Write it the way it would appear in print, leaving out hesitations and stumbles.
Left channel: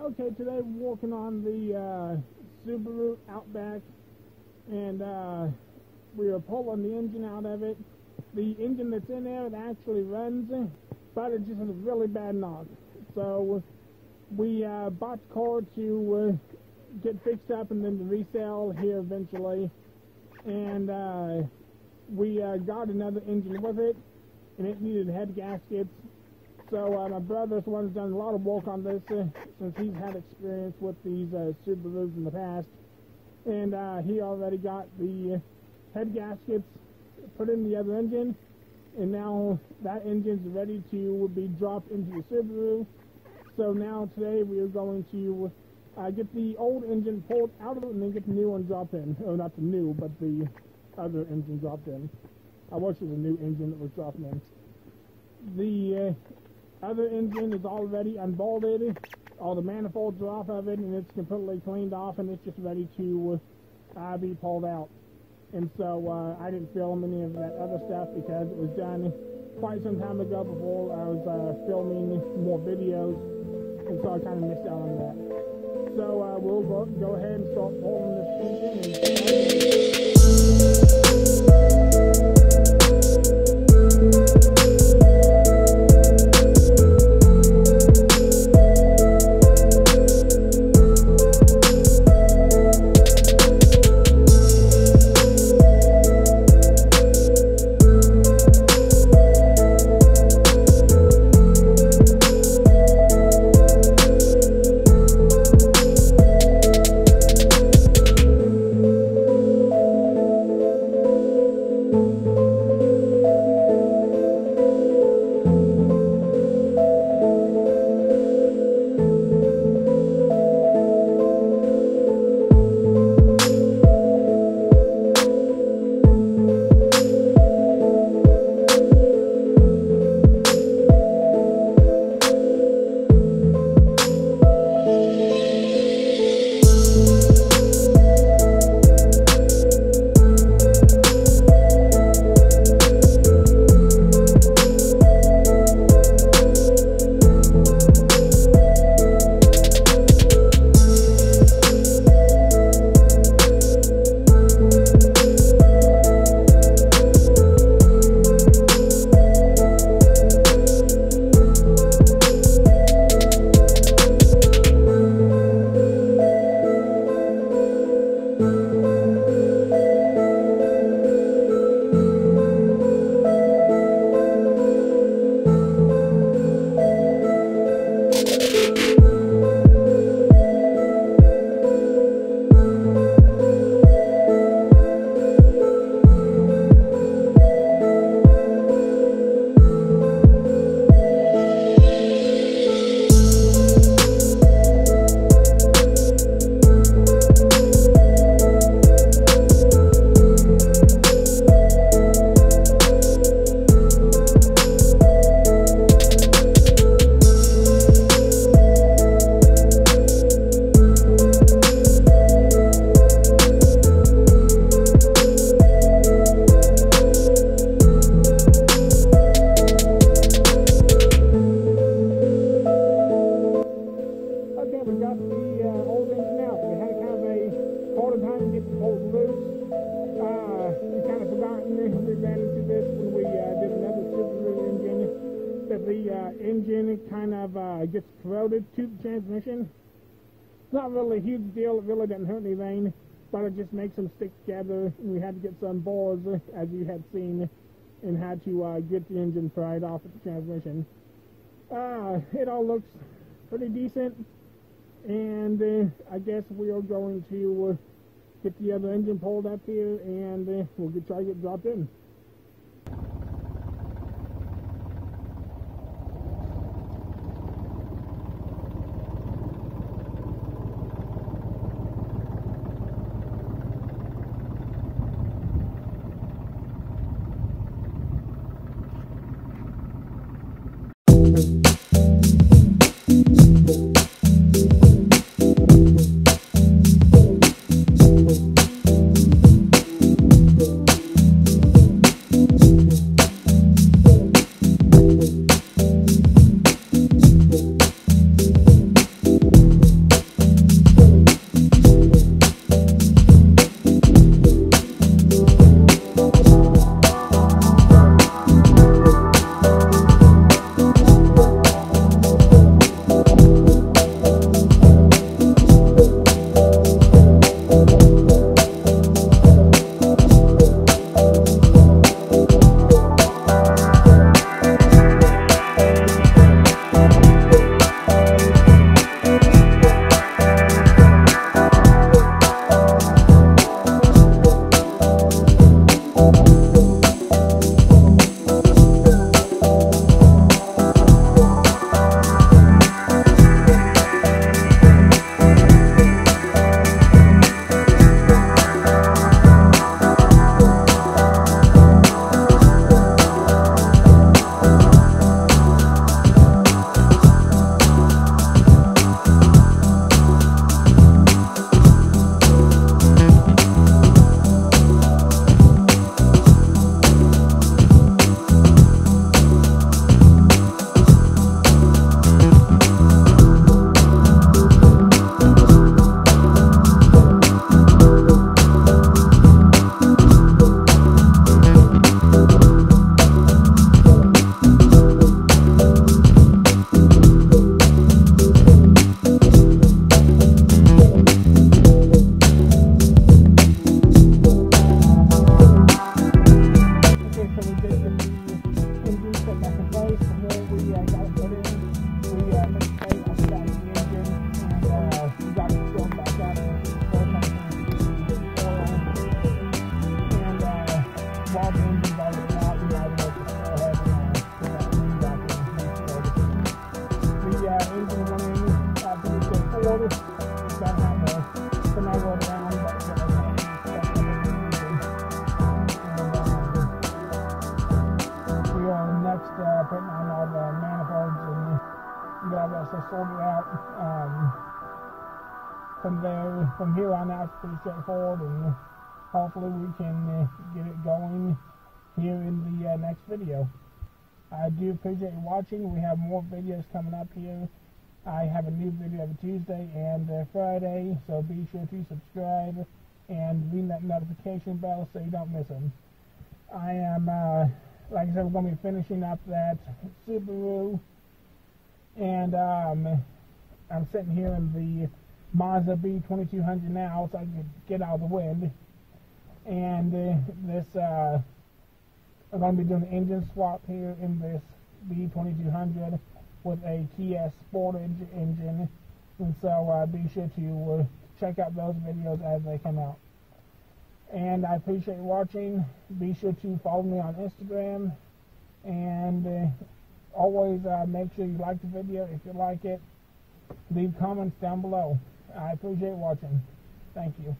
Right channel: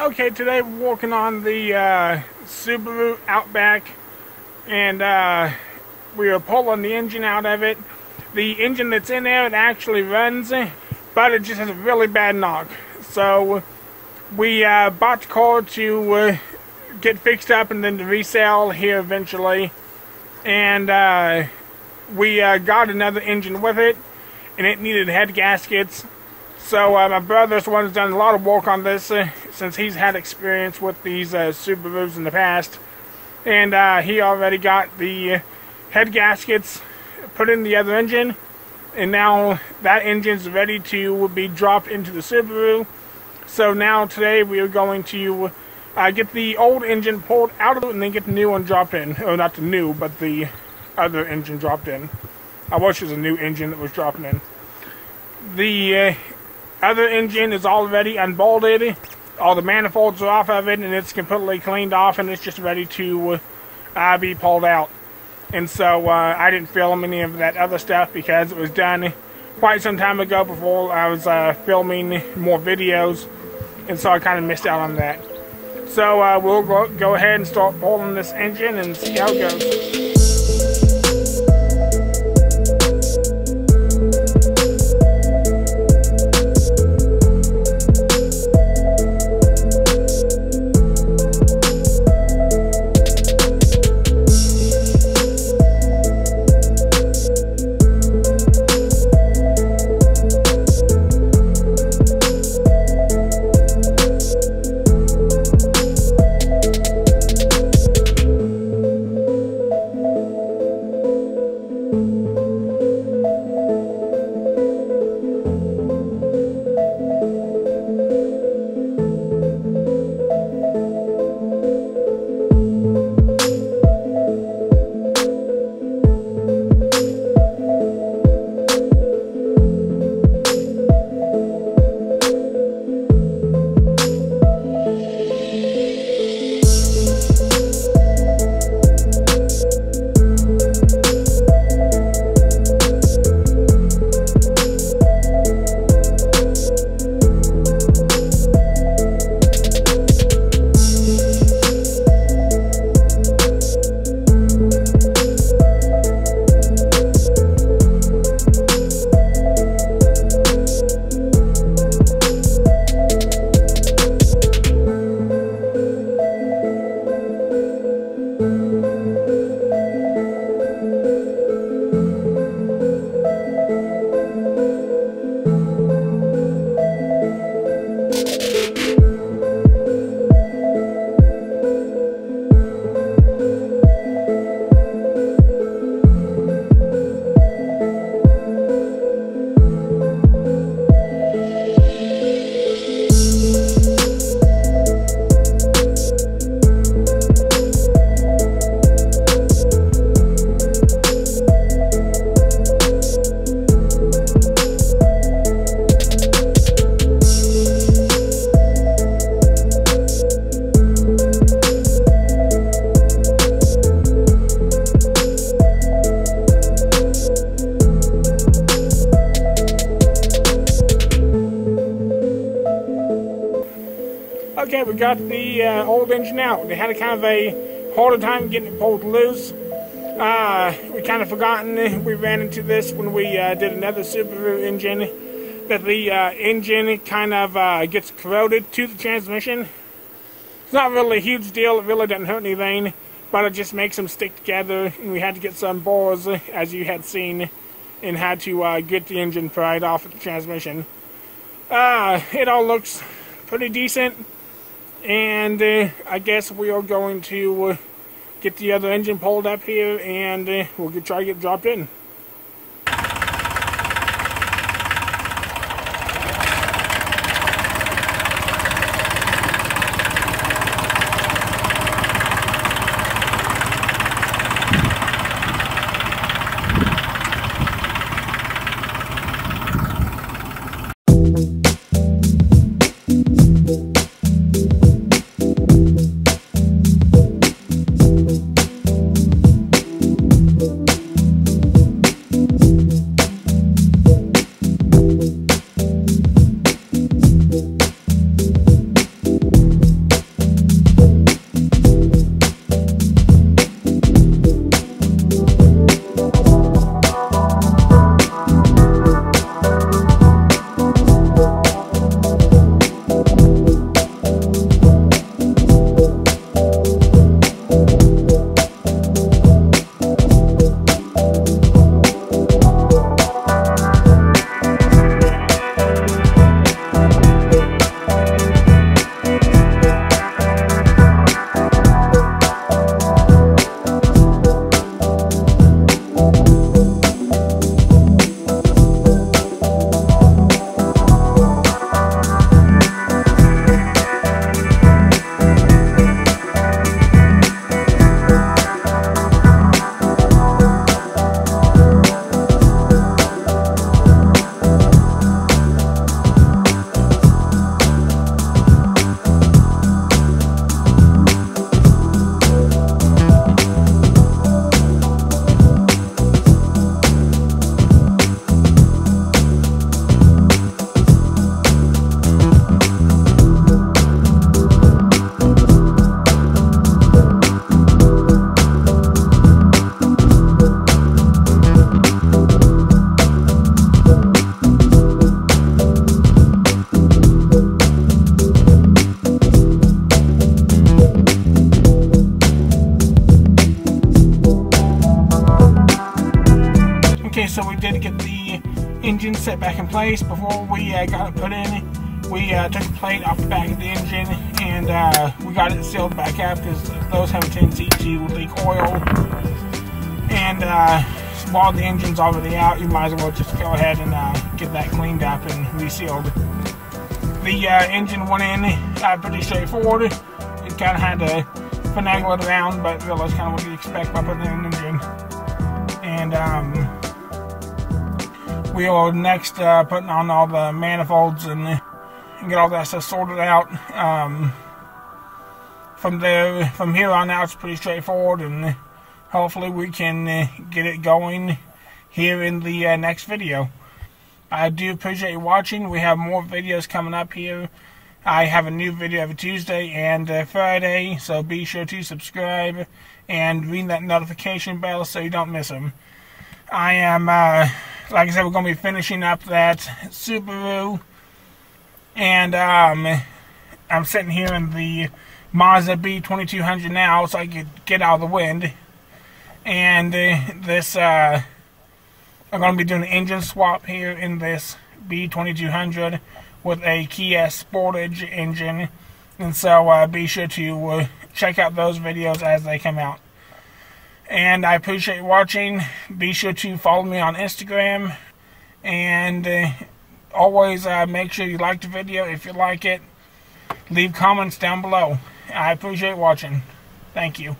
Okay, today we're working on the Subaru Outback, and we are pulling the engine out of it. The engine that's in there, it actually runs, but it just has a really bad knock. So we bought the car to get fixed up and then to resell here eventually. And we got another engine with it, and it needed head gaskets. So my brother's the one who's done a lot of work on this since he's had experience with these Subarus in the past. And he already got the head gaskets put in the other engine. And now that engine's ready to be dropped into the Subaru. So now today we are going to get the old engine pulled out of it and then get the new one dropped in. Or not the new, but the other engine dropped in. I wish it was a new engine that was dropping in. The other engine is already unbolted. All the manifolds are off of it, and it's completely cleaned off, and it's just ready to be pulled out. And so I didn't film any of that other stuff because it was done quite some time ago before I was filming more videos, and so I kind of missed out on that. So we'll go ahead and start pulling this engine and see how it goes. Okay, we got the old engine out. We had a kind of a harder time getting it pulled loose. We kind of forgotten we ran into this when we did another Subaru engine, that the engine kind of gets corroded to the transmission. It's not really a huge deal. It really doesn't hurt anything, but it just makes them stick together. And we had to get some bores, as you had seen, and had to get the engine pried off of the transmission. It all looks pretty decent. And I guess we are going to get the other engine pulled up here, and we'll try to get dropped in. set back in place. Before we got it put in, we took the plate off the back of the engine, and we got it sealed back up because those have a tendency to leak oil. And while the engine's already out, you might as well just go ahead and get that cleaned up and resealed. The engine went in pretty straightforward. It kind of had to finagle it around, but that was kind of what you expect with an engine. And we are next putting on all the manifolds and get all that stuff sorted out. From here on out, it's pretty straightforward, and hopefully we can get it going here in the next video. I do appreciate you watching. We have more videos coming up here. I have a new video every Tuesday and Friday, so be sure to subscribe and ring that notification bell so you don't miss them. I am, like I said, we're going to be finishing up that Subaru, and I'm sitting here in the Mazda B2200 now so I can get out of the wind. And this, I'm going to be doing an engine swap here in this B2200 with a Kia Sportage engine, and so be sure to check out those videos as they come out. And I appreciate you watching. Be sure to follow me on Instagram, and always make sure you like the video. If you like it, leave comments down below. I appreciate watching. Thank you.